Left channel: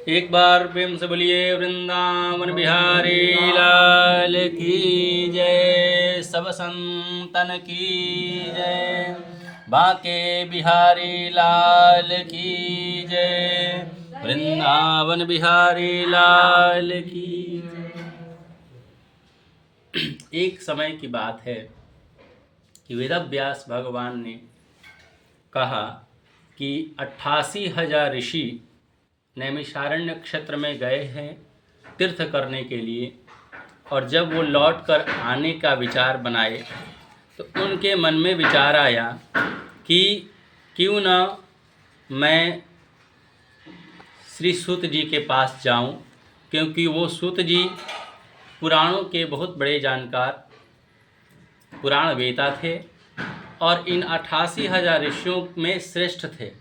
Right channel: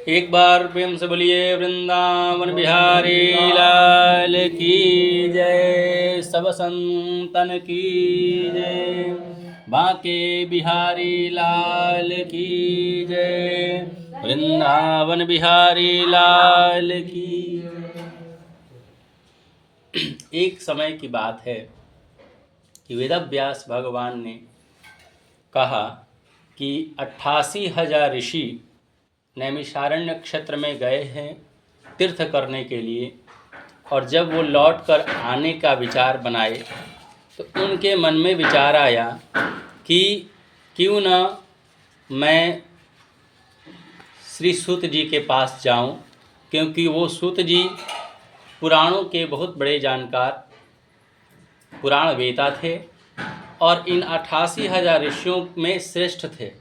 एक बार प्रेम से बोलिए वृंदावन बिहारी लाल की जय, सब संतन की जय, बांके बिहारी लाल की जय, वृंदावन बिहारी लाल की जय। एक समय की बात है कि वेदव्यास भगवान ने कहा कि 88,000 ऋषि नैमिषारण्य क्षेत्र में गए हैं तीर्थ करने के लिए, और जब वो लौट कर आने का विचार बनाए तो उनके मन में विचार आया कि क्यों न मैं श्री सूत जी के पास जाऊं, क्योंकि वो सूत जी पुराणों के बहुत बड़े जानकार पुराण वेता थे और इन 88,000 ऋषियों में श्रेष्ठ थे।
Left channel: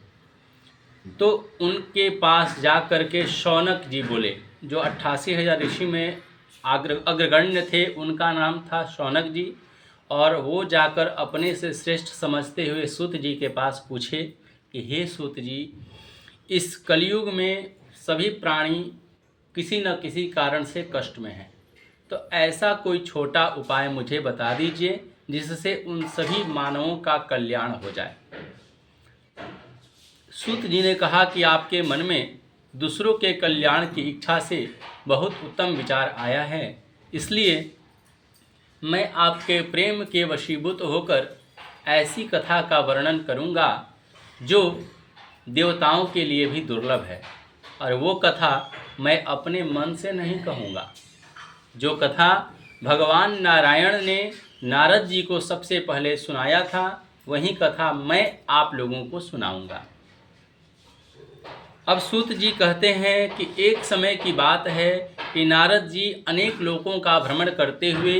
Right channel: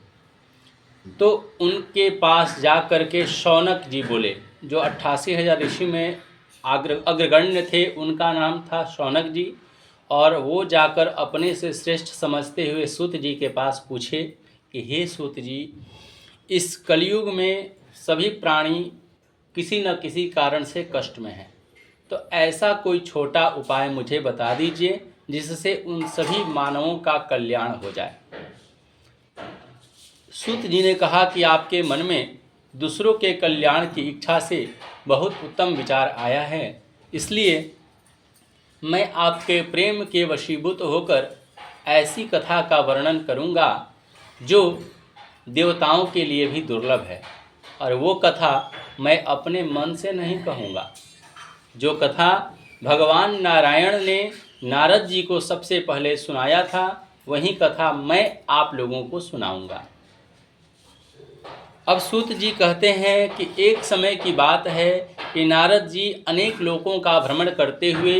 तो उनके पास जा कर के शौनक जी बोले, जो 88,000 ऋषि में अग्रगण्य थे, उनका नाम था शौनक जी, और वो जाकर अपने से श्रेष्ठ समझते हुए सूत जी के पास पूछे कि हे सूत जी, इस कलयुग में सभी प्राणी किसी न किसी कारण से कष्ट में हैं, तो ऐसा कोई छोटा उपाय मुझे बता दीजिए जिससे उन सभी मानवों का कल्याण हो जाए। सूत जी ने कहा कि आपके मन में दूसरों के कल्याण की इच्छा से बहुत उत्तम विचार आया है, इसलिए मैं आपके प्रेम के वशीभूत होकर ऐसी कथा का वर्णन करूंगा जो देवताओं के लिए भी दुर्लभ है, और वो कथा मैं अपने मन से नहीं कहूँगा। जो कथा भगवान नारायण ने नारद जी को सबसे पहले सुनाया था, वही कथा मैं आप लोगों को सुनाऊंगा। अब सूत जी कहते हैं कि एक समय की बात है कि नारद जी अनेक लोकों का भ्रमण करते हुए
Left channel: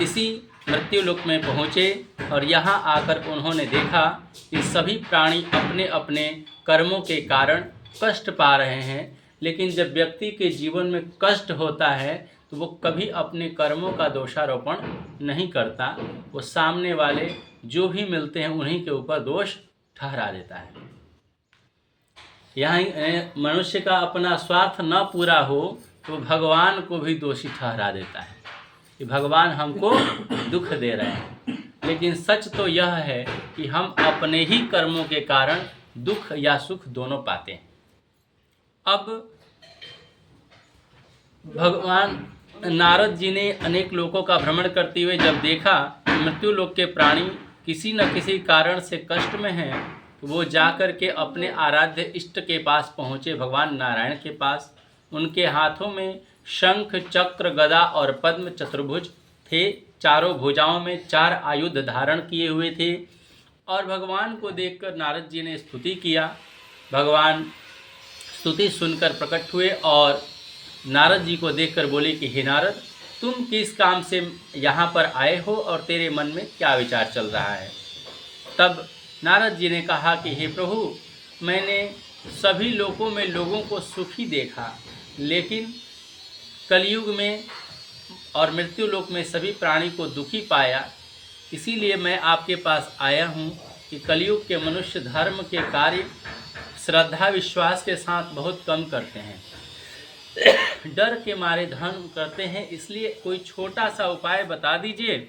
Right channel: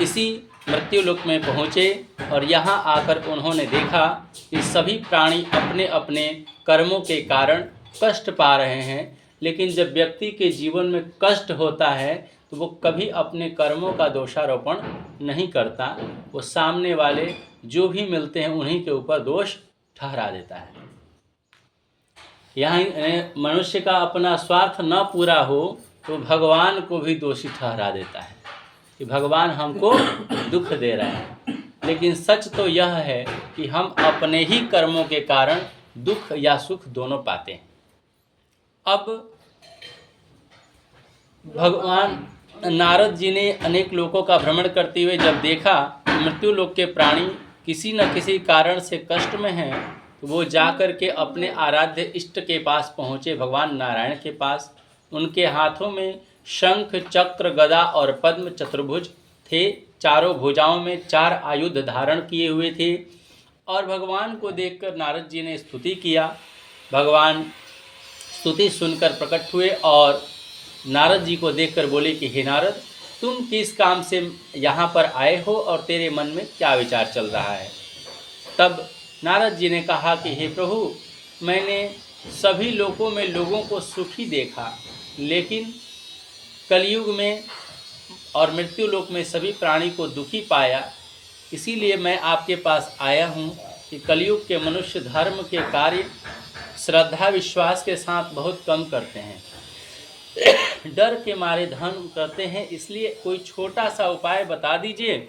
इसी मृत्युलोक में पहुँचे, और यहाँ आकर उन्होंने देखा कि सभी प्राणी अपने अपने कर्मों के कारण कष्ट पा रहे हैं। लेकिन जब व्यक्ति के जीवन में कष्ट होता है तो वो कभी अपने कर्मों का दोषारोपण नहीं करता, वो सामने वाले जो भी मिलते हैं उन्हीं के ऊपर दोष ठहरा देता है। यहाँ मनुष्य का अपना स्वार्थ न पूरा हो तो भगवान को भी दोषी ठहरा देता है कि भगवान हमको दुख दे रहे हैं। लेकिन सच तो यह है कि हम अपने ही कर्मों के कारण दुख या सुख दोनों पाते हैं। अब भगवान नारद जी ने अनेक लोकों का भ्रमण करते हुए जब देखा मृत्यु लोक के प्राणी किसी न किसी कारण से कष्ट में हैं, वो जाकर के अपने आराध्य इष्ट के पास पहुँचे, भगवान नारायण के पास। उनके हाथों में शंख, चक्र, गदा और पद्म चतुर्भुज थे। चारों भुजाओं में 4 आयुध धारण किए हुए थे, और भगवान को देखकर नारद जी ने स्तुति किया। भगवान स्तुति सुनकर प्रकट हुए और नारद जी को देखकर बोले कि हे नारद, तुम किस काम से यहाँ पर आए हो और तेरे मन में क्या विचार चल रहा है। तब नारद जी ने कहा कि हे प्रभु, मैंने सभी लोकों में लोगों को सुखी देखा, लेकिन कलयुग में और मृत्यु लोक में सभी प्राणी को दुखी पाया। इसीलिए मैं आपके पास आया हूँ कि कलयुग के मनुष्य धर्म के कार्य श्रद्धा विश्वास के साथ बहुत कम करते हैं, डर के मारे धर्म करते हैं, इसलिए कोई छोटा सा उपाय बता दीजिए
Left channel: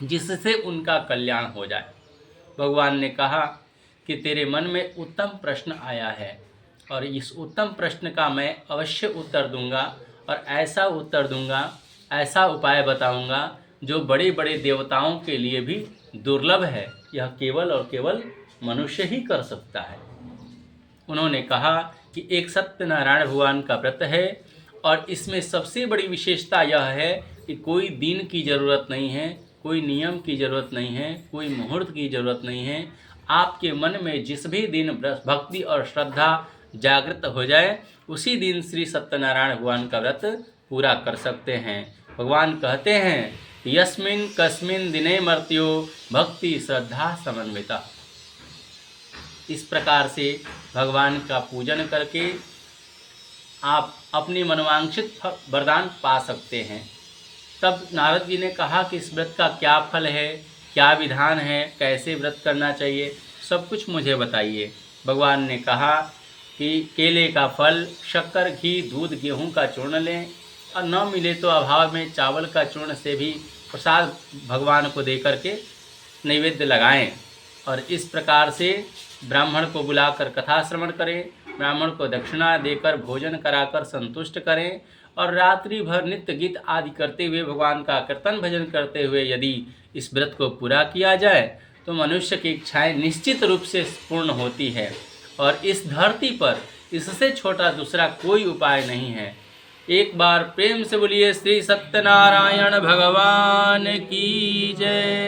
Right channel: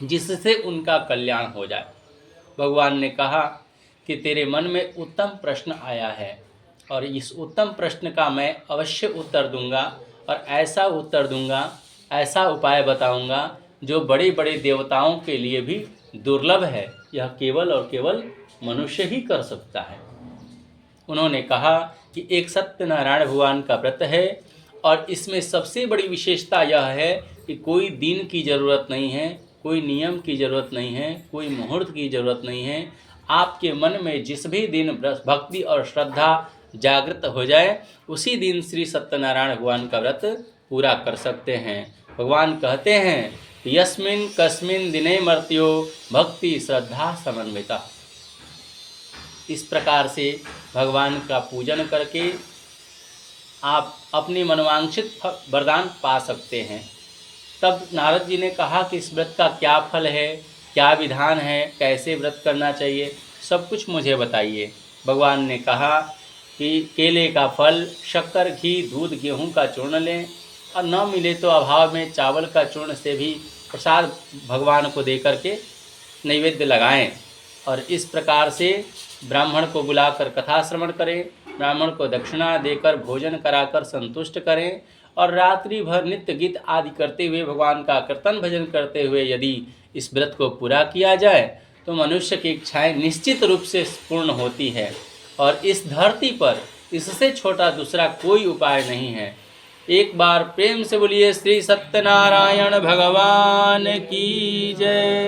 जिससे उनका कल्याण हो जाए। भगवान ने कहा कि तेरे मन में उत्तम प्रश्न आया है, और इस उत्तम प्रश्न का मैं अवश्य उत्तर दूंगा, और ऐसा उत्तर दूंगा, ऐसा उपाय बताऊंगा जो बड़े बड़े देवताओं के लिए भी दुर्लभ है। यह केवल और केवल मनुष्य ही कर सकता है। उन्होंने कहा कि एक सत्यनारायण भगवान का व्रत है, और इसमें सबसे बड़ी विशेषता यह है कि कोई दिन की ज़रूरत नहीं है, कोई नियम की ज़रूरत नहीं है, कोई मुहूर्त की ज़रूरत नहीं है। आपके मन में जिस भी दिन भक्ति और श्रद्धा जागृत हो जाए, उसी दिन श्री सत्यनारायण भगवान का व्रत पूरा कर सकते हैं। भगवान कहते हैं यस्मिन् कस्मिन् दिने मर्त्यो भक्ति श्रद्धा समन्विता। इस प्रकार से भगवान का पूजन करके आप अपनी मनोवांछित वरदान पा सकते हैं। तब नारद जी ने कहा कि इस व्रत का क्या फल है, क्या विधान है, कैसे व्रत करना चाहिए, सब कुछ मुझे बताइए। भगवान ने कहा कि केले का फल, शक्कर, घी, दूध, गेहूं का चूर्ण लें और न मिले तो अभाव में चावल का चूर्ण से भी प्रसाद भगवान को दे करके नैवेद्य लगाएं। और इस प्रकार से ब्राह्मण को बुलाकर कथा श्रवण करें, ब्राह्मण को दक्षिणा देकर भोजन कराकर संतुष्ट करें और रात्रि भर नित्य गीत आदि करते हुए भगवान का कीर्तन भजन करते हुए यदि इस व्रत को पूरा किया जाए तो मनुष्य की इच्छाएं निश्चित रूप से पूर्ण होती है और इस धरती पर इससे छोटा दूसरा कोई उपाय नहीं है। एक बार प्रेम से बोलिए श्री सत्यनारायण भगवान की जय।